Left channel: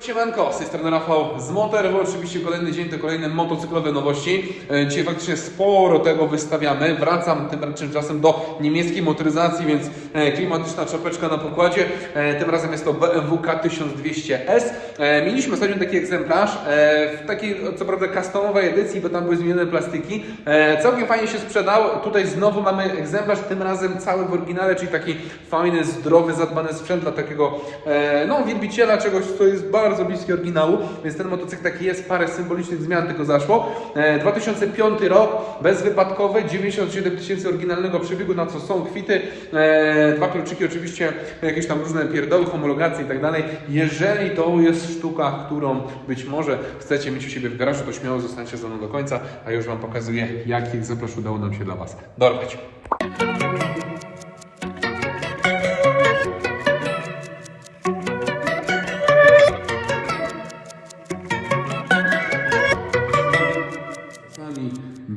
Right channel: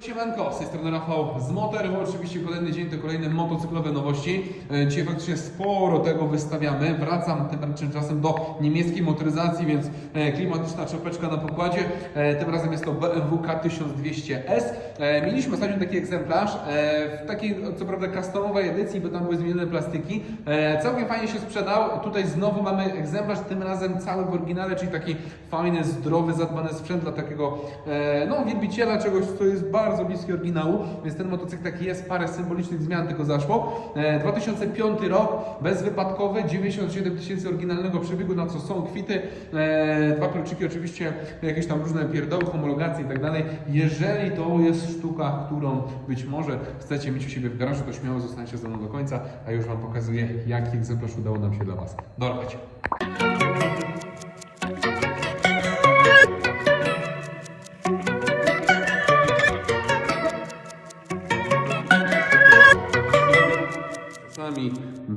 Siemanko, z tej strony Rafał z Motor, bo oczywiście kolejny dzień to kolejne motocyklowe nowości. E, Dzisiaj faktycznie sporo tego wystawiamy. Wracam tym czasem do niemieckiej motoryzacji, więc e, klimatyczna czapeczka na pokładzie. E, Tym razem jest to BMW K1200S. E, Mieliśmy ostatnio taki egzemplarz w takiej co prawda customowej edycji, bo tam były zmienione plastiki. Całkiem fajnie się sprzedał. Tutaj znowu mamy egzemplarz, tym razem cały w oryginale, czyli taki fajny, zdrowy, zadbany sprzęt dla takiego no, wielbiciela czegoś, co jest bardzo bliskie oryginału, więc ten motocykl taki jest, parę symbolicznych zmian tylko zaszło. E, 2005 rok, bezwypadkowy, 97 tysięcy oryginalnego przebiegu, na co są kwity, e, dwa kluczyki oczywiście, jakieś tam różne pierdoły, homologacje i tak dalej. Jeżeli to jest sztuka, którą być może chcecie mieć u siebie w garażu, to śmiało zostańcie ze mną do końca, a już Wam pokazuję, jaki egzemplarz udało nam się dla Was dorwać.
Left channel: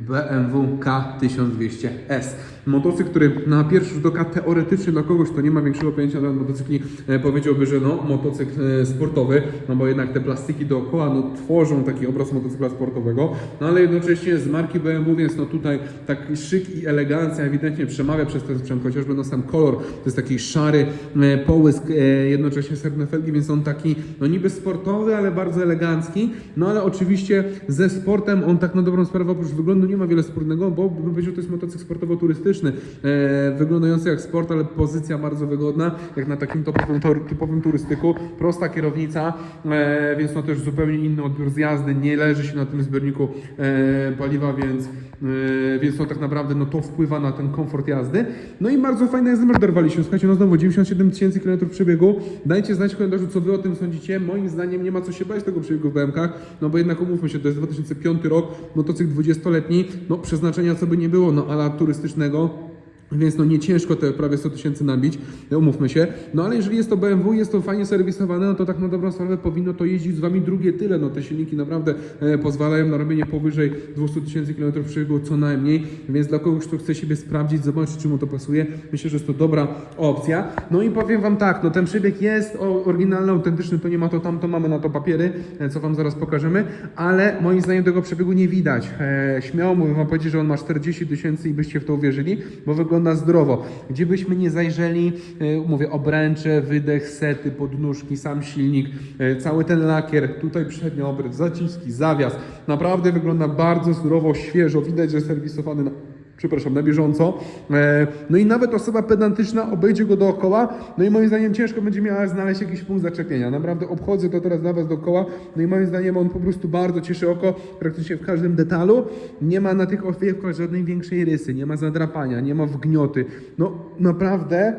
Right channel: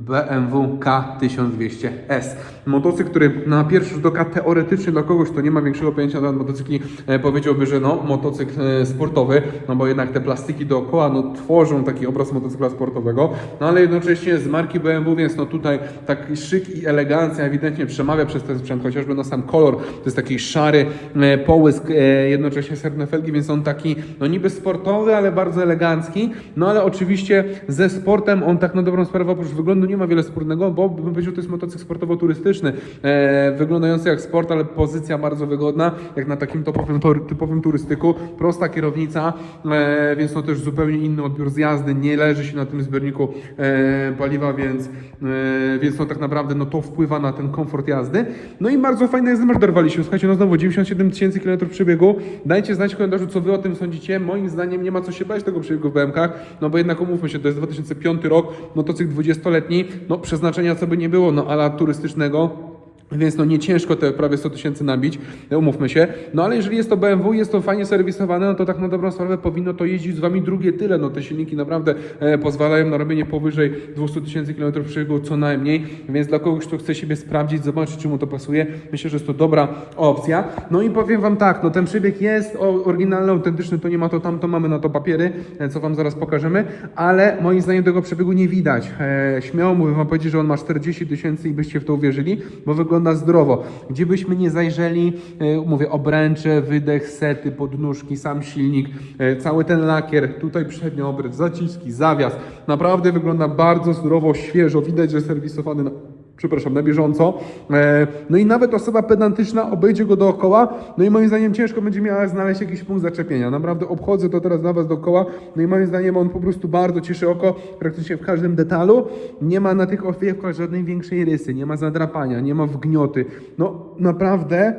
BMW K1200S. Motocykl, który na pierwszy rzut oka teoretycznie dla kogoś, kto nie ma większego pojęcia na motocykli, e, powiedziałby, że no, motocykl e, sportowy, no bo jednak te plastiki dookoła no, tworzą taki obraz motocykla sportowego, no ale jednocześnie z marki BMW, więc no tutaj taki szyk i elegancja ewidentnie przemawia przez ten sprzęt, chociażby no sam kolor, to jest taki szary e, połysk, jednocześnie srebrne felgi, więc on taki no niby sportowy, ale bardzo elegancki, no ale oczywiście ze sportem on tak na dobrą sprawę oprócz wyglądu nie ma wiele wspólnego, bo bym powiedział, to jest motocykl sportowo-turystyczny, e, wyglądający jak sport, ale pozycja bardzo wygodna, jak na takim topowym, tor- typowym turystyku, prosta kierownica, e, więc no też zupełnie inny odbiór z jazdy, nie leży się na tym zbiorniku e, paliwa, więc, e, więc no tak naprawdę no to wpływa na ten komfort jazdy. No i bardzo fajny egzemplarz dorwaliśmy, słuchajcie, no znowu 97 tysięcy km przebiegu, dajcie znać w komentarzu, co wy o tym sądzicie, moim zdaniem nie ma co się bać tego przebiegu w BMK, no bo jednak umówmy się, to jest 2005 rok, motocykl 20-letni, no przeznaczenia co by nie było, no ala turystycznego, więc no nie ciężko te prawie 100 tysięcy nabić, e, umówmy się. No ale jeżeli jest to BMW, jest to fajnie serwisowane, no to tak na dobrą sprawę powinno to jeździć z Wami drugie tyle. No te silniki naprawdę e, pozwalają na robienie powyżej 200 tysięcy km przebiegu co najmniej, więc dla kogoś, kto chce siebie sprawdzić, zobaczyć, czy mu to pasuje, myślę, że jest to dobra opcja. No i powiem Wam tak, no ten przebieg jest oryginalny, autentyczny, to nie ma to tam, to mamy na to papiery, e, co Wam zaraz pokażemy, ale moim zdaniem tego przebiegu nie widać. Śmiało mówię Wam powiedzieć, że on ma 40 tysięcy i byście w to uwierzyli, bo wygląda zdrowo. Gdzie byśmy nie zajrzeli, e, mówię, obręcze, wydech, sety, podnóżki, sam silnik, e, cały ten lakier, tutaj przedni obręcz, zaciski, zawias. Naprawdę wygląda bardzo zdrowo, świeżo, widać, że serwisowany przepraszam, na bieżąco. E, No i nawet osoba pedantyczna obejdzie go dookoła, no i moim zdaniem ciężko będzie miała znaleźć jakiś punkt zaczepienia. Naprawdę obchodzę to teraz dla Was dookoła, no i moim zdaniem on po prostu bardzo cieszy oko praktycznie w każdym detalu. Nie ma na tych owiewkach żadnej większej rysy, nie ma zadrapania, nie ma wgnioty. No naprawdę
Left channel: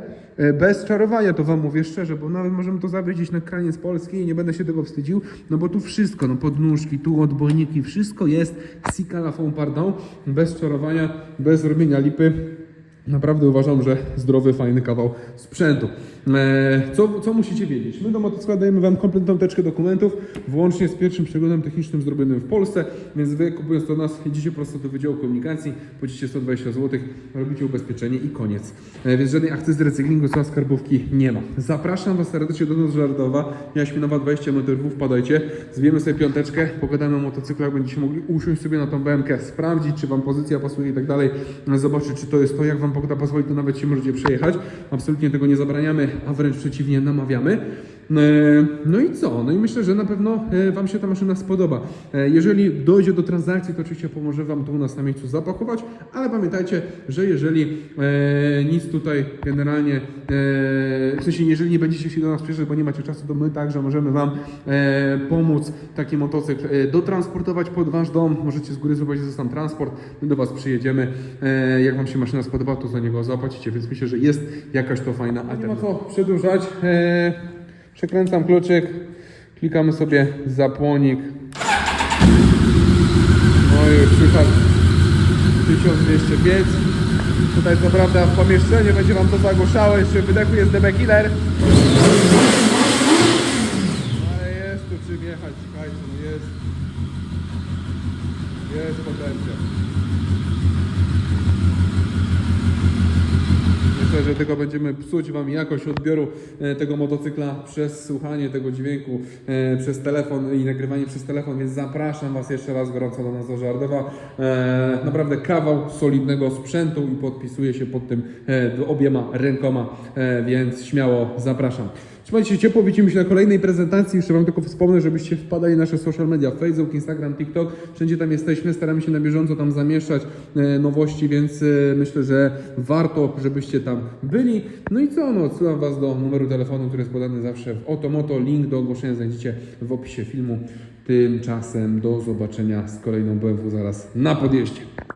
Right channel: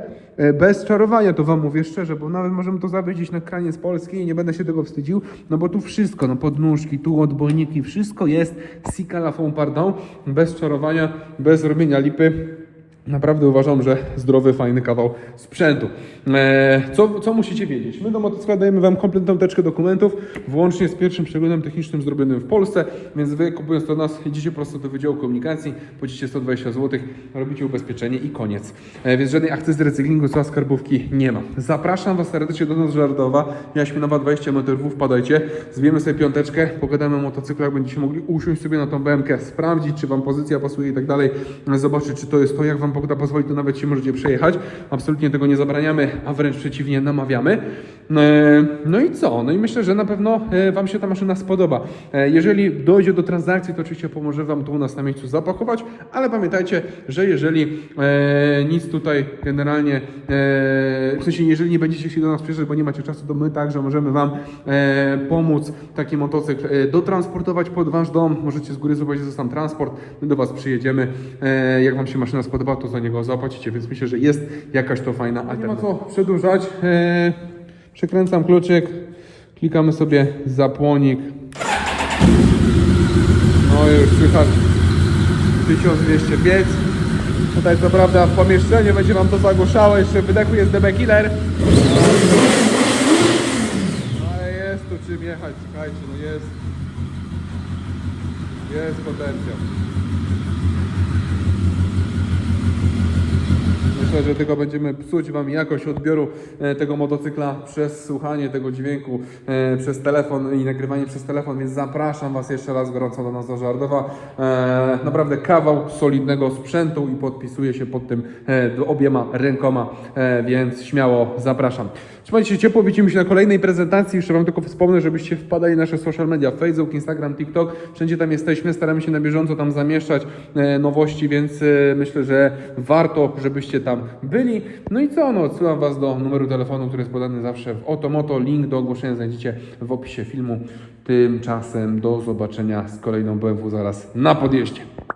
bez czarowania to Wam mówię szczerze, bo nawet możemy to zawiedzić na kraniec polski i nie będę się tego wstydził, no bo tu wszystko, no podnóżki, tu odbojniki, wszystko jest Sika la fond pardon, bez czarowania, bez robienia lipy. Naprawdę uważam, że zdrowy, fajny kawał sprzętu. Eee, co, co musicie wiedzieć? My do motocykla dajemy Wam kompletną teczkę dokumentów, włącznie z pierwszym przeglądem technicznym zrobionym w Polsce, więc Wy kupując to nas, jedziecie prosto do Wydziału Komunikacji, płacicie 120 zł, robicie ubezpieczenie i koniec. E, więc żadnej akcji z recyklingu, co skarbówki nie ma. Zapraszam Was serdecznie do nas Żardowa, Jaśminowa 20 metrów, wpadajcie, zbijemy sobie piąteczkę, pogadamy o motocyklach, będziecie mogli usiąść sobie na tą BMK, sprawdzić, czy Wam pozycja pasuje i tak dalej, zobaczyć, czy to jest to, jak Wam pogoda pozwoli, to nawet się możecie przejechać. Absolutnie tego nie zabraniamy, a wręcz przeciwnie, namawiamy. E, No i co? No i myślę, że na pewno e, Wam się ta maszyna spodoba. E, Jeżeli dojdzie do transakcji, to oczywiście pomoże Wam to u nas na miejscu zapakować, ale pamiętajcie, że jeżeli nic tutaj generalnie, w sensie jeżeli nie będziecie się do nas przyjeżdżać, bo nie macie czasu, to my także możemy Wam pomóc taki motocykl dotransportować pod Wasz dom. Możecie z góry zobaczyć za sam transport, my do Was przyjedziemy. Jak Wam się maszyna spodoba, to za niego zapłacicie, więc myślę, że jest jakaś to fajna alternatywa. Nie ma co przedłużać. E, przekręcam kluczyk, klikamy sobie zapłonik. No już słychać 1205. Tutaj co prawda w pomieszczeniu będzie Wam to zagłuszało, jeszcze w wydechu jest Killer. Ale jest tu czym jechać, słuchajcie, no jest. Jest potencjał. Myślę, że tylko będziemy psuć Wam jakość odbioru e, tego motocykla przez słuchanie tego dźwięku e, przez telefon i nagrywanie przez telefon, więc zapraszam Was jeszcze raz gorąco do nas do Żardowa. E, naprawdę kawał solidnego sprzętu i podpisuję się pod tym obiema rękoma, więc śmiało zapraszam. Trzymajcie się ciepło, widzimy się na kolejnej prezentacji. Jeszcze Wam tylko wspomnę, żebyście wpadali na nasze social media, Facebook, Instagram, TikTok. Wszędzie tam jesteśmy, staramy się na bieżąco tam zamieszczać e, nowości, więc e, myślę, że warto, żebyście tam byli. No i co, no, odsyłam Was do numeru telefonu, który jest podany zawsze w Otomoto. Link do ogłoszenia znajdziecie w opisie filmu. Tymczasem do zobaczenia z kolejną BMW zaraz na podjeździe.